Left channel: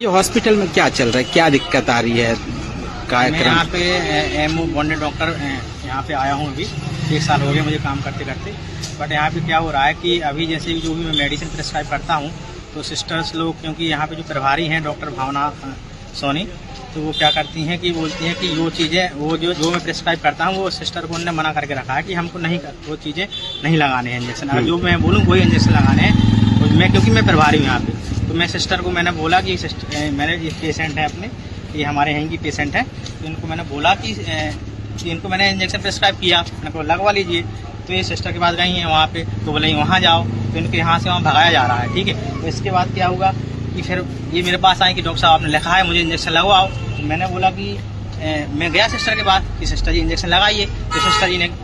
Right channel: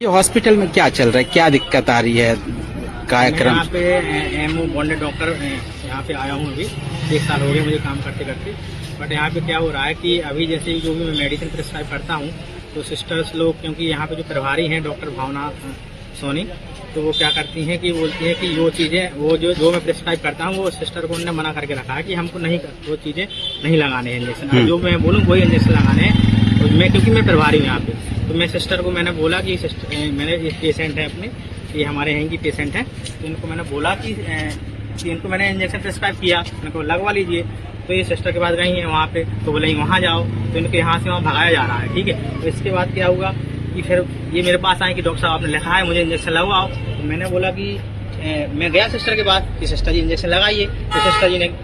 ये हॉस्पिटल में क्या चल रहा है, क्या दिक्कत आ रही है? मैं यहाँ पे एमओ बॉन्डेड डॉक्टर यहाँ पे आया हूँ। अभी 1 साल हो गया मुझे काम करते करते। बट यहाँ पे क्या हो रहा है कि अभी जैसे जो भी मैं मेडिसिन प्रिस्क्राइब करता हूँ तो सिस्टर्स लोग, क्योंकि यहाँ पे जो प्रभारी हैं डॉक्टर भावना सोनी, तो वो क्या करती हैं कि बोलती हैं कि वो चीज़ें वो जो मैं प्रिस्क्राइब करता हूँ वो सिस्टर को उन्होंने मना करके रखा है कि हमको नहीं वो चीज़ें नहीं लगाने हैं इंजेक्शन। अगर जो मैं बोलूँ वही इंजेक्शन लगाने हैं। और मैं क्योंकि मैं प्रभारी हूँ यहाँ पे, तो मैं सिस्टर को मैंने बोला कि मेरे ये पेशेंट है अपने, ये हमारे यहाँ की पेशेंट है, तो इनको मैंने बोला कि इनको मैंने इंजेक्शन प्रिस्क्राइब किया, मैंने को लगवा लीजिए। तो ये सिस्टर के बाद गई हैं वहाँ पे, तो बोले वहाँ जाओ, तो इनके यहाँ से वहाँ भगाया जा रहा है। ठीक है, तो इसके बाद क्या होगा कि फिर ये मेरे पास आए कि डॉक्टर साहब आपने लिखा है मुझे इंजेक्शन लगवाओ। तो मैंने बोला कि मैं गया सिस्टर के बाद कि सिस्टर जी इंजेक्शन लगाइए। तो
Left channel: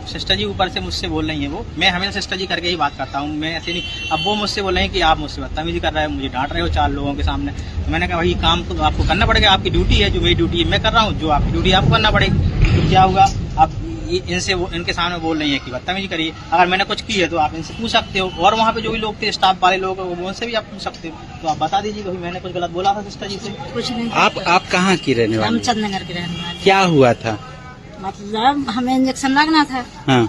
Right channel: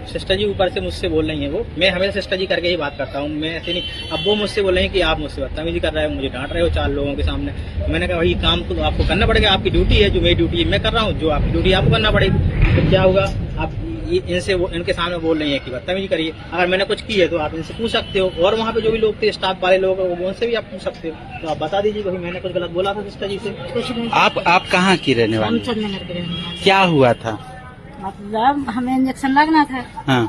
सिस्टर जी ऊपर से मुझसे बोल रही हैं, वो मैं हमेशा सिस्टर जी करके ही बात करता हूँ, मैं ऐसे नहीं। अब वो मुझसे बोल रहे हैं कि आप मुझसे बदतमीजी कर रहे हो, मुझे डांट रहे हो 4 लोगों के सामने। मैंने कहा भाई काम तो आपको करना पड़ेगा, आपकी ड्यूटी है, जो मेरी ड्यूटी है मैं कर रहा हूँ, जो आपकी ड्यूटी आपको करना पड़ेगी। तो क्या होगा, आप इनके सामने बोल रही है कि बदतमीजी करिए। अगर मैंने कुछ की है तो आप इनसे पूछ सकते हो, और वहाँ पे जो भी लोग थे स्टाफ वाले लोग उनसे भी आप पूछ सकते हो। तो आप बता दीजिए भाई मैंने कुछ गलत बोला था सिस्टर जी से? कुछ नहीं। आप कहाँ की रहने वाली? रामचंद नगर के रहने वाले। क्या हुआ था? मतलब हमें इंजेक्शन लगना था। हाँ।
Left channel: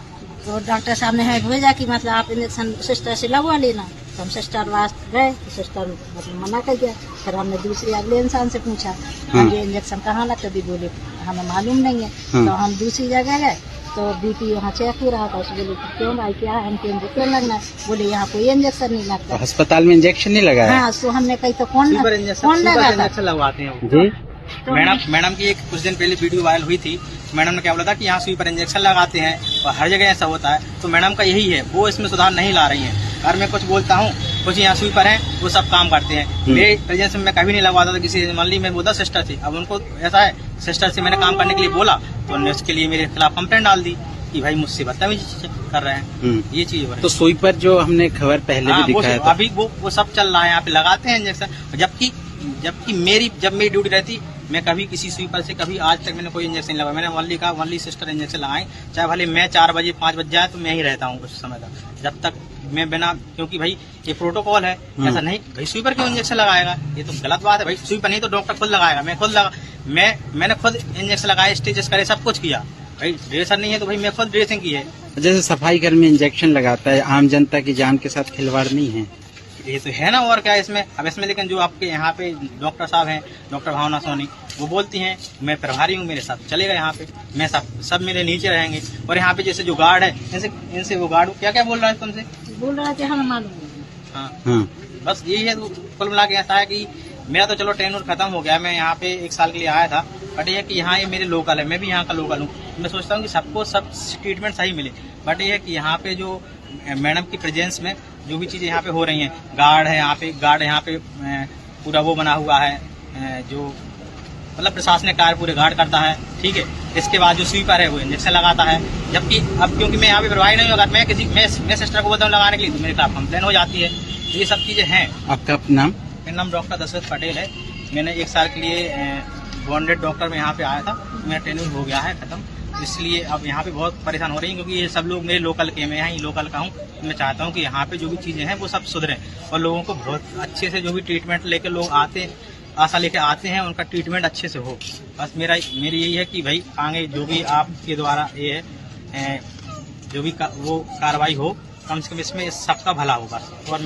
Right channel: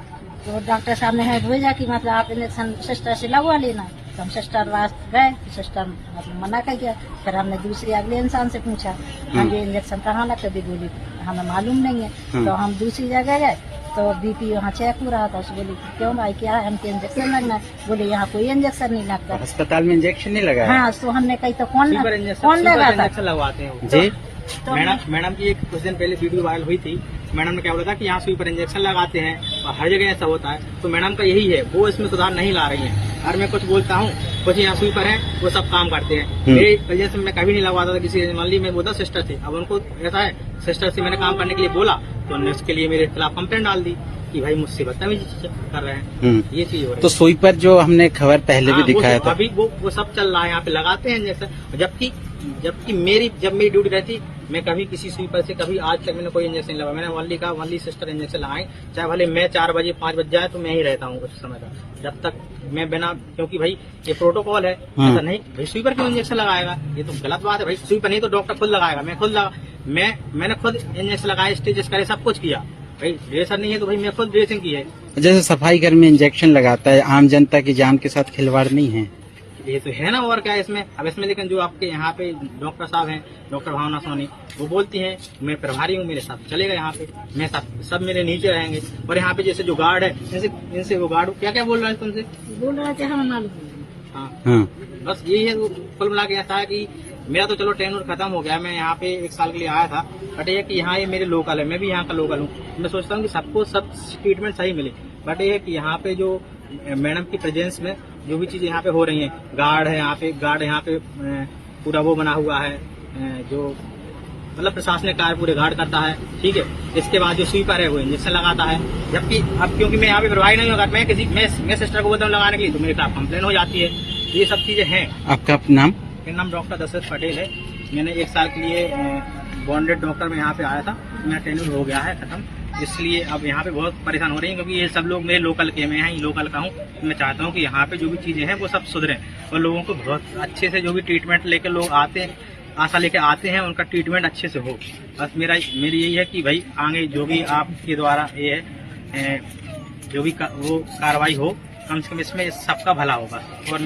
तो डॉक्टर साहब ने हमें भेजा कि मतलब आप इंजेक्शन सिस्टर से लगवा लेना। तो हम सिस्टर पास गए, तो सिस्टर मतलब मना कर दिया। फिर हमने दूसरे अगले इंसान से पूछा ये इंजेक्शन कहाँ लगता है, बोले हमें मालूम नहीं है। तो हम दूसरी जगह गए तो बीपी वहाँ चेक हो रहा था, उसको बोले क्यों भाई क्या है, हमको इंजेक्शन लगना है। बोले यहाँ कोई इंजेक्शन नहीं लगता। तो अस्पताल में इंजेक्शन नहीं लगाया? हाँ, तो हमने कही तो कौन लगाता लगवाते हैं जी। मैडम की एक कुछ दिन पहले वीडियो वायरल हुई थी। मैडम ने क्या बोला था कि यहाँ सुई पर इंजेक्शन लगाते हैं और हर जगह ऐसा होता है। तो मैडम का यही है, वो इसमें सुधार नहीं ला रही है। और मैं कुछ बोलता हूँ, कुछ यहाँ सुई पर हैं वो सब काम करते हैं। मेरे एजेंसी में मैं कभी नहीं लगवाता था किसी, मान ली मैं बोलता सिस्टर थी। अब उनको ऐसा है, सिस्टर से मैंने काम करने के लिए बोला तो उन्होंने उसके लिए मेरे खिलाफ कंप्लेंट डाल दी कि भाई मुझसे बदतमीजी कर रहे हैं। ये चीज हो रही है। तो सुई पर जो हमने खबर पहले भी दिखाया था, अभी वो सब चल रहा है, यहाँ पे लगाते हैं इंजेक्शन। जबकि जब मेरी ड्यूटी रहती, मैं कभी किसी स्वीपर से कभी आज तक मैंने कोई इंजेक्शन नहीं लगाया। मैंने वनली सिस्टर इंजेक्शन लगाए, चाहे भले मैं 4 बजे 5 बज जाए तो मैं ही रहता हूँ उस समय तक, जब तक मैं बिना, क्योंकि भाई ये प्रोटोकॉल है। ऐसा नहीं भाई स्वीपर क्यों इंजेक्शन लगाएगा, ये तो गलत बात है भाई। स्वीपर नहीं तो डॉक्टर खुद लगाएगा, मैंने खुद इंजेक्शन लगाया, स्टेजेस करे, सब कुछ किया भाई। ड्रेसर नहीं है तो भाई मैं खुद ड्रेसिंग की है। जैसे सफाई कर्मी इंजेक्शन लगाता है, आम जनता की जान के साथ खिलवाड़ नहीं है? ये तो है ना, और क्या इसमें। अब इसमें लेकिन जो आपके यहाँ पे डॉक्टर साहब हैं, डॉक्टर भावना सोनी, वो बोलती हैं मैं प्रभारी हूँ, मेरे साथ चलेगा यहाँ पे, मैं सब मेरे नीचे रहेंगे। और यहाँ पे जैसे जो गार्ड है, इनसे वो गार्ड क्या बोल रहा है तुमसे? बोल रहे थे हम मालूम। हाँ, बस यही है। कुल मिला के ऐसा है कि मेरा तो चलो टेन्योर खत्म हो गया, मैं यहाँ पे 1 साल के लिए आया था। बट ये कि यहाँ ये मेरे लोकल है, मैं भी यहाँ का लोकल हूँ। मैं सोचता हूँ कि सबको सब ट्रीटमेंट सही मिले। बट ये है कि यहाँ पे जो मैडम की प्रेजेंस में जो भी चीजें यहाँ पे हो रही हैं, गार्ड है यहाँ पे पूरा वो बना हुआ है, जो मतलब प्रशासनिक कार्य पूरे गार्ड करता है। ठीक है, इसके बाद जो स्वीपर है वो इंजेक्शन लगाता है। जबकि अब क्योंकि मैं यहाँ पे प्रभारी नहीं हूँ, अगर मैं सिस्टर को बोलता हूँ लगाने के लिए तो मेरे खिलाफ कंप्लेन हो जाती है। ये सब चीजें हैं। आपका नाम? मेरा नाम डॉक्टर दशरथ पटेल है। मैंने 1 साल के लिए बॉन्डेड डॉक्टर में यहाँ पे आया था, मेरा टेन्योर हो गया है खत्म। इसलिए अब यहाँ पे बहुत परेशान हो रही हैं, क्योंकि ये सब लोग मेरे लोकल के, मैं यहाँ ही लोकल का हूँ। तो मैं चाहता हूँ कि यहाँ पे जो भी चीज़ें हैं वो सब सुधरें और लोगों को बहुत अच्छे से जो भी ट्रीटमेंट लेके लोग आशा लेके आते हैं, उनका ट्रीटमेंट अच्छे से हो। बस मेरी यही है कि भाई आगे जो भी आपके द्वारा ये है जो भी वो कार्रवाई हो, कम से कम इसमें सबका भला हो बस।